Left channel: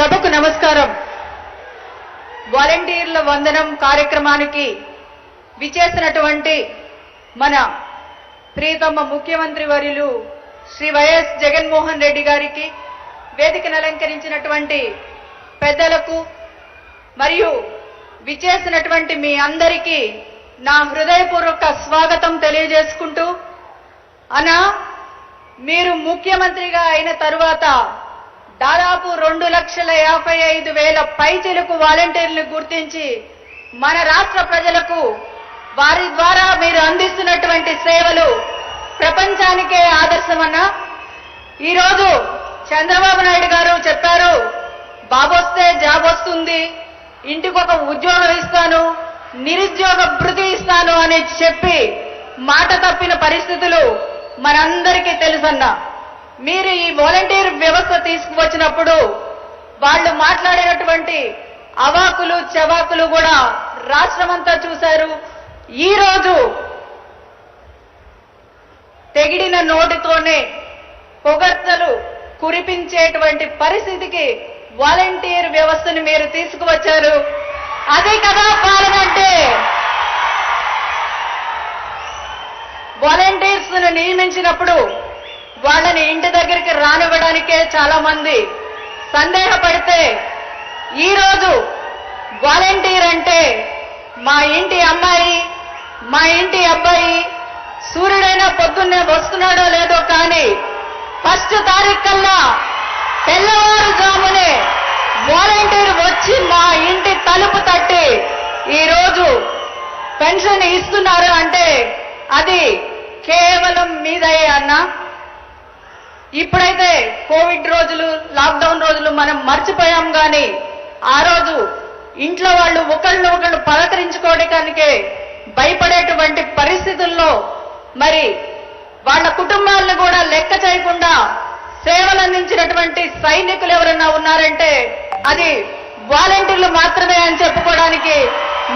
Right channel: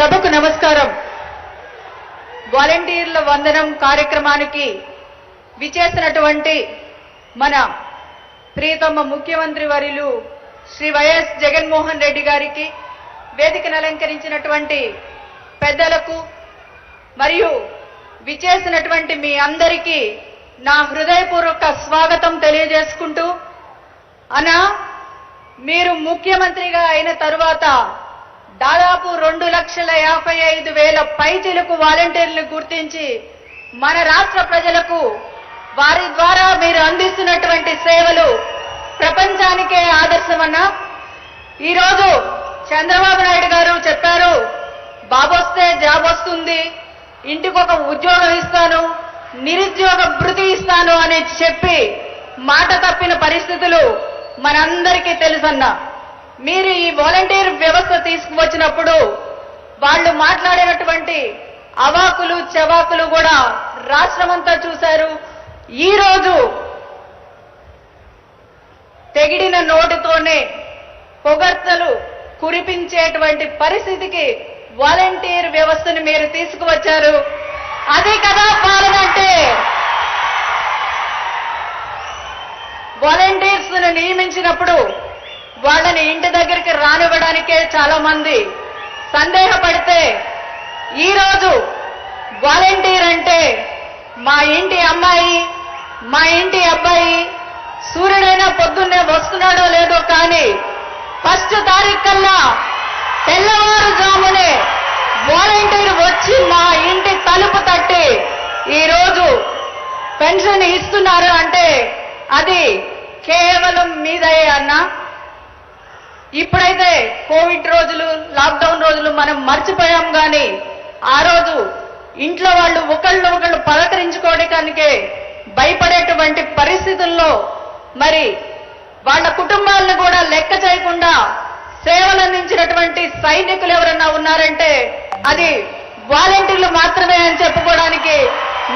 సభకు నమస్కారం. వాలంటీర్ల వందనం కార్యక్రమానికి విచేసినటువంటి మన ప్రియతమ ముఖ్యమంత్రి వర్యులు శ్రీ వైఎస్ జగన్మోహన్ రెడ్డి గారికి, వేదికను అలంకరించినటువంటి పెద్దలకు మరియు విచేసినటువంటి మీ అందరికీ నా హృదయపూర్వక స్వాగతం తెలియజేసుకుంటూ, అన్నా మీరు ముఖ్యమంత్రిగా అయిన తరువాత దాదాపు 2,55,000 పైచిలకు వాలంటీర్లు గుర్తించి మన రాష్ట్ర ప్రజలకు వారి ద్వారా మీరు అందిస్తున్నటువంటి సేవలు ప్రపంచానికే ఆదర్శమన్నా. ఈరోజు చంద్రబాబు నాయుడు గారు చెప్పారు, బాబొస్తే జాబ్ వస్తుంది, ఇంటికొక ఉద్యోగం ఇస్తాను, నిరుద్యోగ భృతి ఇస్తాను అని చెప్పి మాట తప్పిన పరిస్థితులు మనందరికీ తెలుసన్నా. మీరు ఈ వాలంటీర్ వ్యవస్థ తీసుకువచ్చినప్పుడు వాళ్ళు మాట్లాడినటువంటి అవాకులు చవాకులు కూడా రాష్ట్రమంతా చూశారు. ఈరోజు తెగిడిన నోటితోనే పొగడ్తలు కురిపించేటువంటి పరిస్థితికి వాలంటీర్ వ్యవస్థను మీరు తీసుకువచ్చారు. అదే కదా పాలన అంటే. వాలంటీర్స్ నియమించినప్పుడు వాళ్ళని ఇంటి దగ్గరికి రానివ్వడానికే చాలా మంది సందేహపడితే, ఈరోజు వాలంటీర్ అంటే మా ఇంటి అమ్మాయి, మా ఇంటి అబ్బాయి సూర్యుడైనా పొద్దున్నే వస్తున్నాడో లేదో కానీ ఫస్ట్ తారీఖు కల్లా తెల్లవారుజామునే వాలంటీర్ వచ్చి మా ఇంటి తలుపు తట్టి ఈరోజు పెన్షన్ ఇస్తున్నారు అంటే అది కేవలం మీదయ్యే అన్నా. ఇప్పుడైతే కోవిడ్ రోజులు, లాక్డౌన్ రోజులు మనం మర్చిపోయాం కానీ ఆ రోజు ఇంట్లో వాళ్ళు ఒకళ్ళు పలకరించుకోవడానికే భయపడేటువంటి పరిస్థితుల్లో మరి వాళ్ళ కుటుంబాలను కూడా లెక్క చేయకుండా సేవలు అందించినటువంటి సైనికులు ఎవరన్నా ఉన్నారంటే అది వాలంటీర్లు మాత్రమే అని చెప్పుకోవడానికి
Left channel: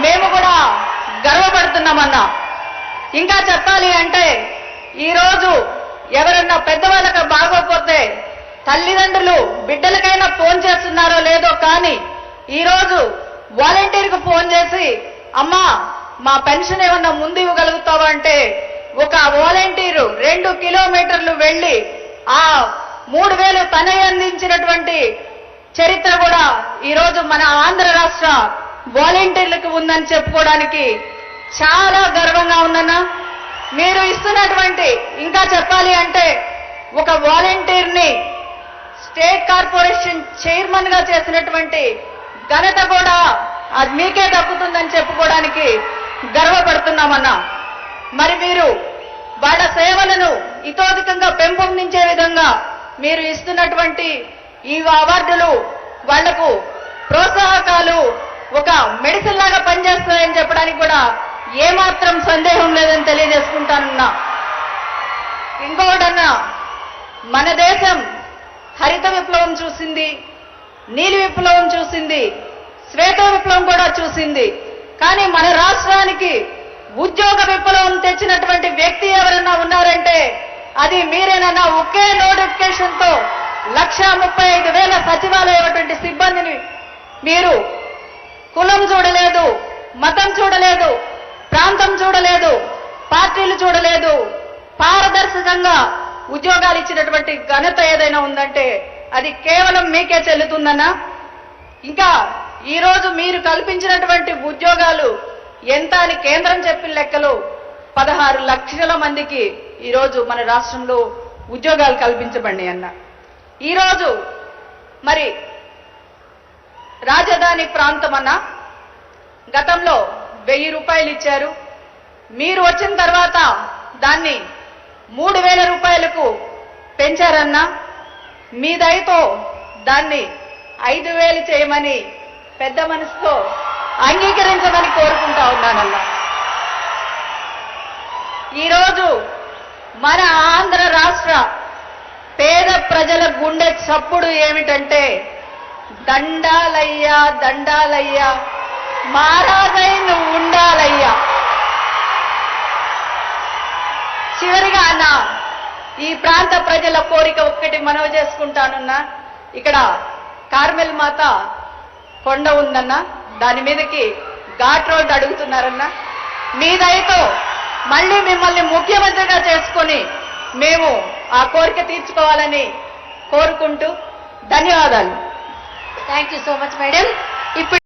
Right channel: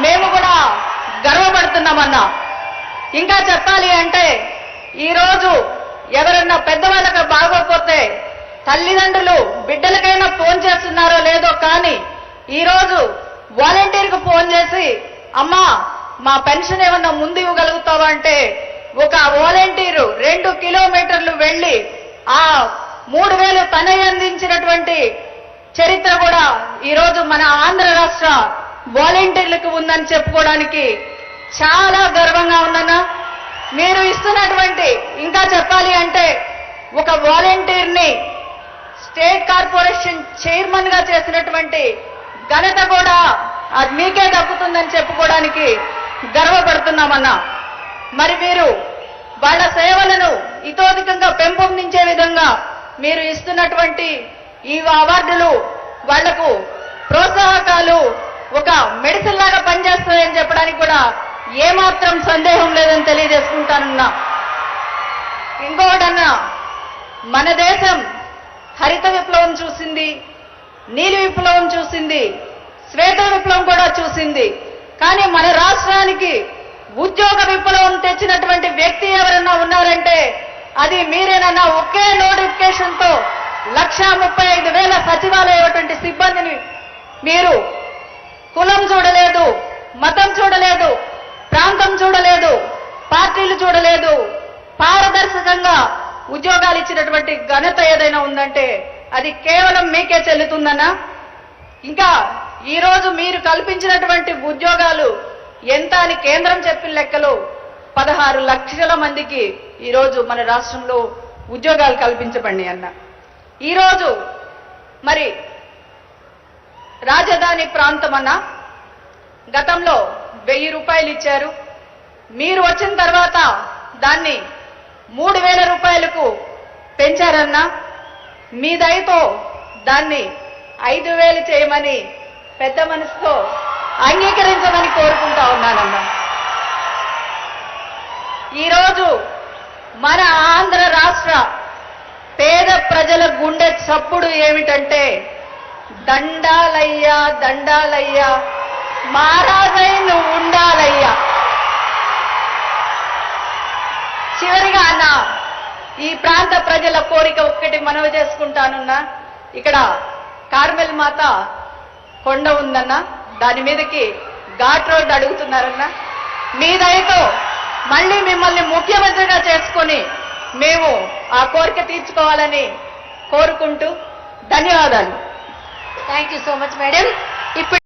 మేము కూడా గర్వపడుతున్నామన్నా. ఇంకా చెప్పాలి అంటే ఈరోజు ఎవరన్నా పెద్దవాళ్ళకి బాగోకపోతే తల్లిదండ్రులు బిడ్డలకైనా ఫోన్ చేస్తున్నారో లేదో కానీ ఈరోజు వాలంటీర్కు ఫోన్ చేసి, అమ్మా మా పెన్షన్ ఏమన్నా ముందు ఇవ్వగలుగుతావా అంటే ఒక వాలంటీరు 2 కిలోమీటర్లు వెళ్లి ఆ 3,000 తనే అందించినటువంటి చరిత్ర కూడా ఈరోజు మన ఆంధ్ర రాష్ట్ర వాలంటీర్లకు ఉందని చెప్పుకోవడానికి చాలా గర్వంగా ఉందన్నా. మీరు ఇస్తున్నటువంటి, ఇంకా చెప్పాలి అంటే ఒక వాలంటీర్ని స్టేట్ కార్పొరేషన్ చైర్మన్ గా చేసినటువంటి ఘనత కూడా అది మీకే దక్కుతుందని చెప్పుకోవడానికి గర్వపడుతున్నామన్నా. మరి మీరు వాళ్ళ సేవలను ఇతోధికంగా పెంపొందించే విధంగా మీరు ఇస్తున్నటువంటి ఈ అవార్డులు వాళ్లకు ప్రోత్సాహకాలు ఒక మెడిసిన్ లాగా పనిచేస్తున్నాయని చెప్పడానికి కూడా ఏమాత్రం సందేహం లేదని తెలియజేసుకుంటానన్నా. ఇంకొకటన్నా, మన దేశం హరిత విప్లవం చూసింది, నీలి విప్లవం చూసింది, శ్వేత విప్లవం కూడా చూసింది. కానీ మన రాష్ట్రానికి ఉద్యోగ విప్లవం తెచ్చినటువంటి వ్యక్తి ఎవరన్నా ఉన్నారంటే అది మీరేనన్నా. ఒకే నోటిఫికేషన్ తో 1,35,000 సచివాలయటువంటి సిబ్బందిని మీరు కులం చూడలేదు, మతం చూడలేదు, ప్రాంతం చూడలేదు, పార్టీలు చూడలేదు, పారదర్శకంగా ఉద్యోగాలు ఇచ్చినటువంటి ఘనత ఏదైనా ఉందంటే అది కేవలం మీకే చెల్లుతుందన్నా. ఇంకా ఈరోజు మీరు కల్పించినటువంటి ఉద్యోగాలు ఎంత అని కేంద్రం చెప్పిన లెక్కలు 16 లక్షల మందికి ఈరోజు మన రాష్ట్రంలో ఉద్యోగాలు కల్పించబడి అన్న. ఈరోజు మరి రాజధాని ప్రాంతం అన్న గతంలో 1,000 రూపాయలు ఇచ్చారు. మీరు వచ్చిన తర్వాత దాన్ని 3,000 రూపాయలకు పెంచారన్నా. మీ దయతో దాన్ని 5,000 చేయమని పెద్ద మనసుతో అంగీకరించమని కోరుకుంటా ఉన్నానన్నా. ఈరోజు మన ఆంధ్ర రాష్ట్ర పేద ప్రజల గుండె చప్పుడు ఏమిటంటే దండాలయ్యా దండాలయ్యా మారాజై నువ్వు ఉండాలయ్యా. చివరిగా అన్న ఈ ప్రాంత ప్రజల కోరిక ఒక్కటి మనవి చేసుకుంటానున్నా. ఇక్కడ కార్మెల్ మాత కొండ ఉందన్న, దాని మీదకి ఘాట్ రోడ్ అడుగుతున్నారన్న. మీ దయతో మళ్ళీ మిమ్మల్ని ముఖ్యమంత్రిగా చేసుకొని మేము ఆ కోరిక తీర్చుకోవాలని కోరుకుంటూ ధన్యవాదాలు. Thank you so much madam. ఇప్పుడు